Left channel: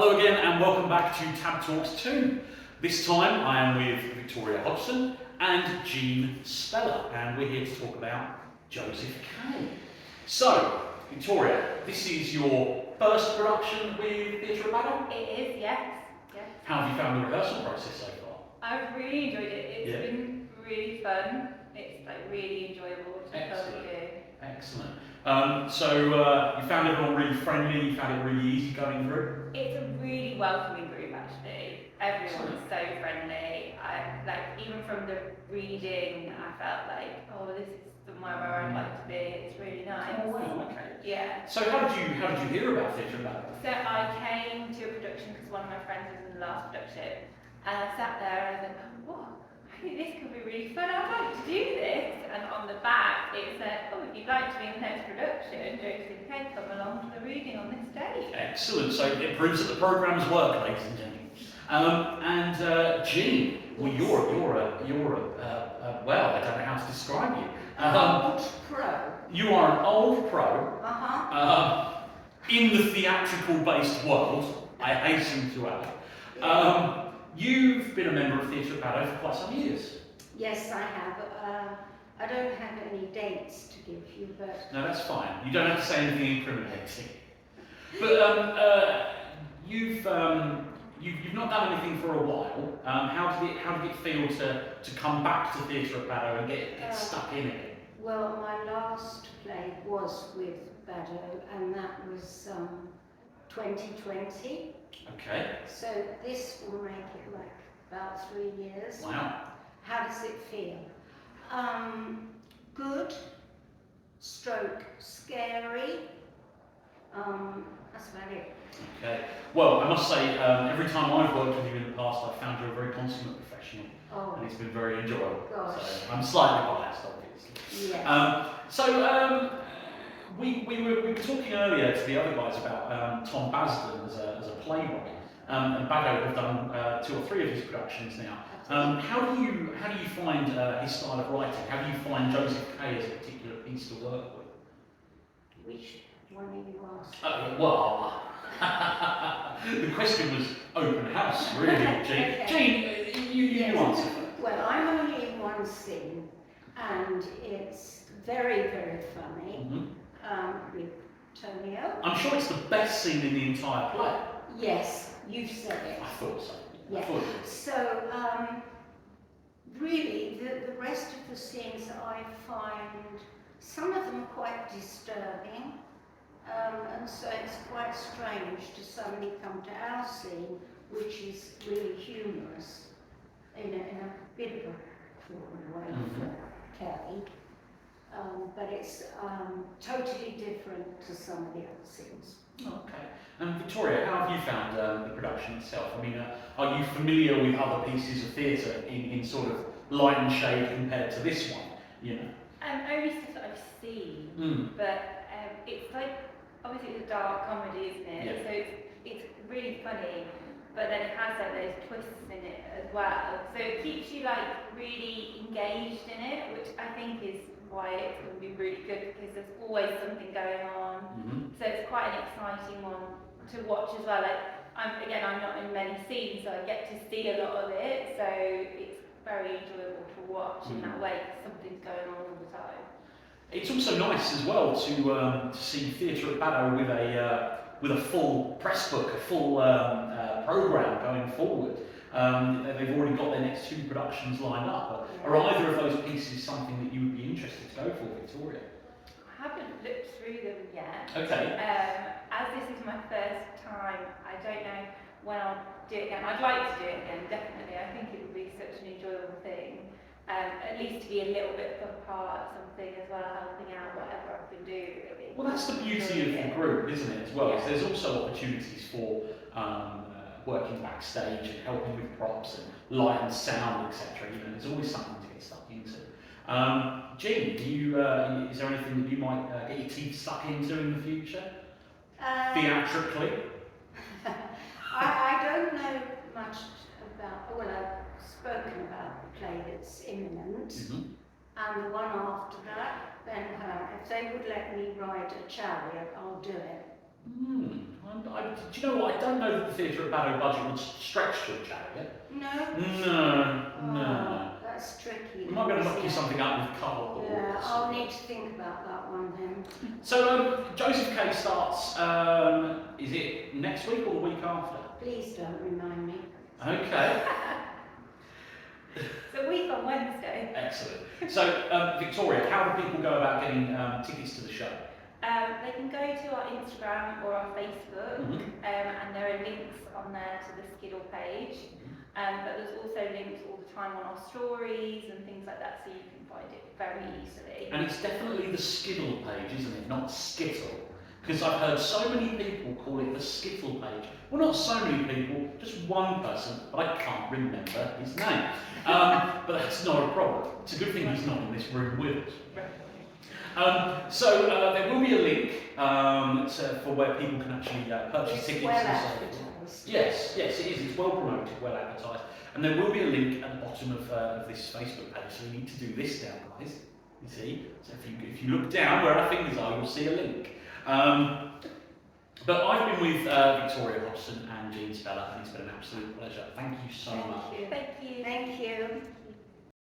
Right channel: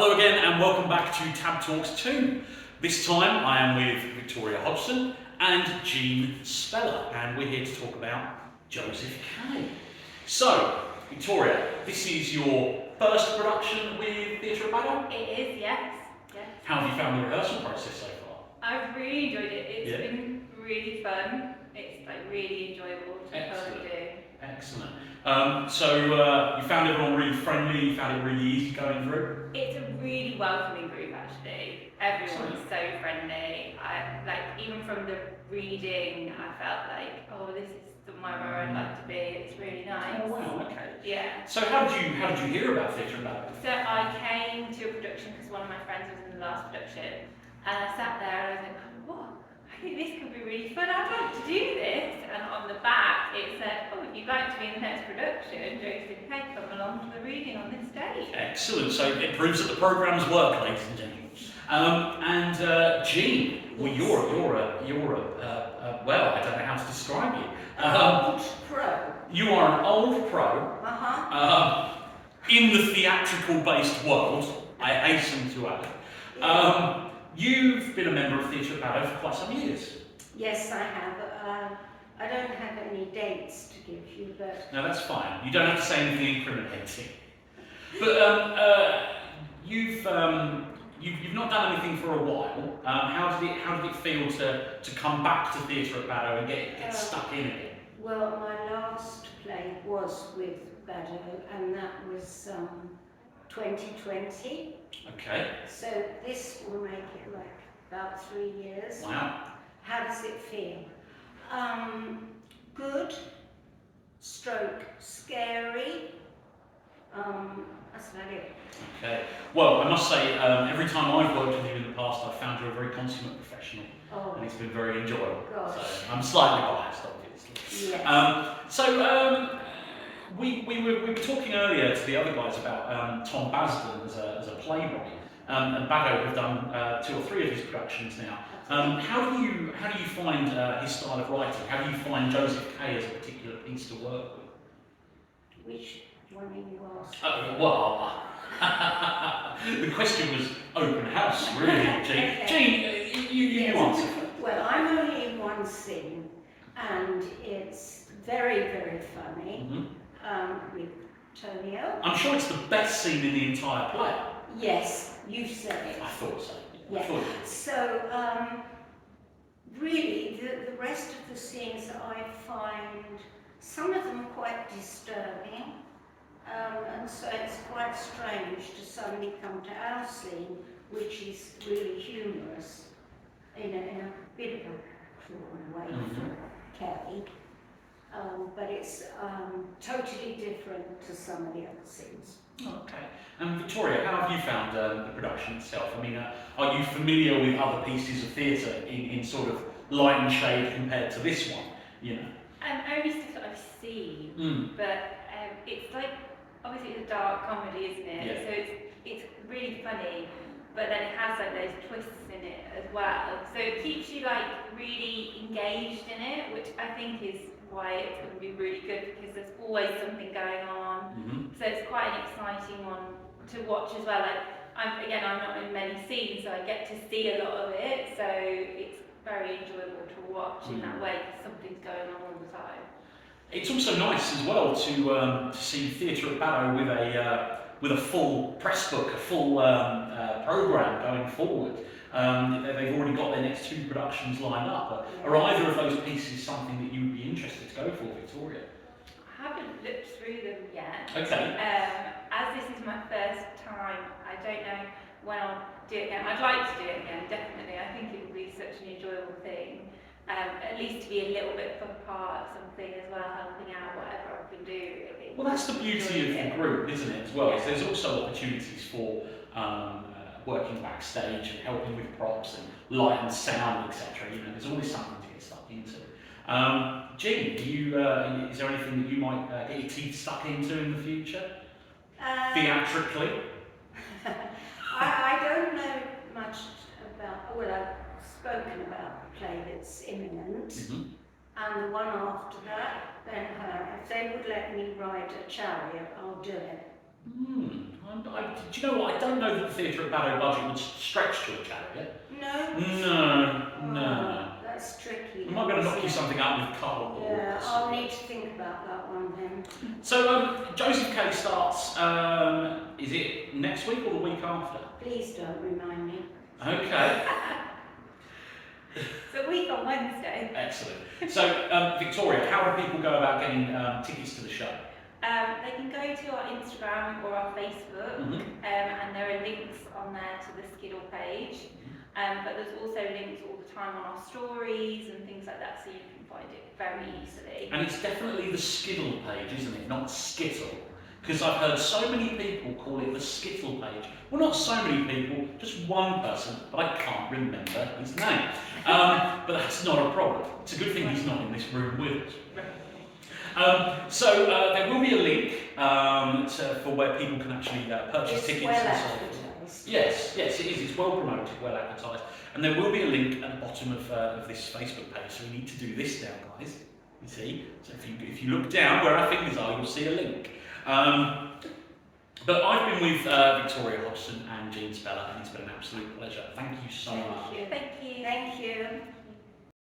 Hello again and welcome back to Tab Talks 2. This time I am with Victoria Hodgson and Jean Speller, and we're here to talk about Joseph K. So, Victoria, this is your first production with Theatre at Baddow? It is, yes. How have you found the rehearsal process so far? I've really enjoyed it. It's been really fun. It's really enjoyable to totally do. Excellent. You found everyone really friendly, you found it really easy going through? It's a really welcoming group actually. Everyone's so friendly. Even from the reading, I felt like, oh, this is somewhere where I'd like to be. It's really nice. Oh wow, okay. Yeah. So how did you hear about Theatre at Baddow? So I came to a production because one of my friends was in the last production, and I sat there and I was like, oh, I think this could be really fun. I'd like to do this. And on the back it said, oh, if you'd like to be in the next production, Joseph K, come along to the reading on this day. Excellent. So it proves that the programmes work, ladies and gentlemen. Jean, well, well, I don't know how to describe you. Old pro. You are an old pro in the theatrical-based world, I hasten to add. You've been a member of Theatre at Baddow for quite some years. Yes, I have. I don't have any dates to give you, but... No, that's fine. You don't have to say anything incriminating. But you've not done anything for a while. How did it feel to come back to Theatre at Baddow and get stuck in it? Well, my last play was with Baddow, and that was 2020. Okay. So this will make it like about 3 years. Wow. How does it feel? Good, stroke, scary. That's about it. Okay. Well, I must say, every time I've worked with you in the past, I've found you a very consummate professional, and it's been very enjoyable. Gosh. So I'm slightly biased, obviously. Yes. We were talking earlier to the other guys about Tom Basden as a playwright, and Baddow have done 2 or 3 of his productions now. How do you find his style of writing? How do you find Joseph K as a particular piece to work with? Which one are you asking? Well, the question was open house, really, Jean. Okay. Jean, you answer. Well, I'm only in one scene, and it's very, very funny with Tonio. I'm sure it's the best scene in the entire play. Yes, you've said it. I thought so. Yeah. I thought it. So, really, the rest of the scenes I find, some of them quite disturbing, and so it's quite strange to suddenly come to our scene, which is really humorous, in a bit of a cruel way for Kelly. But it's totally different to some of the other scenes. Okay. And Victoria, how have you found the production itself? I mean, are you familiar with other pieces of theatre in sort of light and shade compared to this one? You know. Only stuff that I've seen, but it's like, obviously it's a dark comedy, isn't it? Yeah. So it's really funny, but then it has like those twists in it as well. So it keeps you like really engaged in it, which I think is why it's going to be really good, because there's always something going on. So it's quite an exciting one to watch as well. Like I'm not in many scenes, so I get to see a lot of it. So it's very enjoyable to watch in that way, because something's going on all the time. It's also nice as well to see Theatre at Baddow with a full press book, a full programme going forward. They've already got their next 2 productions lined up. Are either of those pieces something that you would be interested to go for, Victoria? I haven't looked through them yet. Okay. As this is my first time, I don't know when I'll do it again. I'd like to do it again, definitely. I think it would be such an enjoyable thing. At least to be a little bit of a part of something as well, helping out whatever I can do, really. Well, that's the beauty of the group, isn't it, as well? Yeah. There's also opportunities for working backstage and helping with props and light and sound, etc. You know, there's always something to get stuck into. Jean, is there anything that you might get your teeth stuck into in the future? Theatrically? I don't know much about, well, I've spoken about the play that's imminent, and the one after that, Ben Hur. If they would let me ride a chariot, I'll do it. Do you know what? I don't know that the Theatre at Barrow budget would stretch to a chariot. No? No. That's tricky. I might be able to knock isn't you it? something out with cardboard. Yeah, I'll need to think about that one then. So, Joseph K starts, is it next week or the week after? Please don't remind me. Okay, So a week on Wednesday. excellent. So, Victoria, how do people go about getting tickets to the show? They can go to our Instagram or our Facebook, and there are links on there to the Skiddle page. But there's also links all the time on our stories and things like that, so you can find it very easily. And it's definitely the Skiddle page, isn't it? Not Skittle. Because I've heard so many people call it the Skittle page. Well, not so many people, just one person, but I can't remember his name. But that's not a problem. It's a good thing he's not in this room with us. So there will be a link for where people can actually purchase It's tickets well and so forth. advertised. Yes, yes, it is. It's well promoted, well advertised. And there will be a link at the bottom of this Facebook page. So you need to do this now, guys. You see? So if you look down where our fingers are, you'll see a link. But I've been with Victoria Hodgson and Jean Speller, and it's been an absolute pleasure. Thank you so much. Thank you. Thank you. Thank you. Thank you.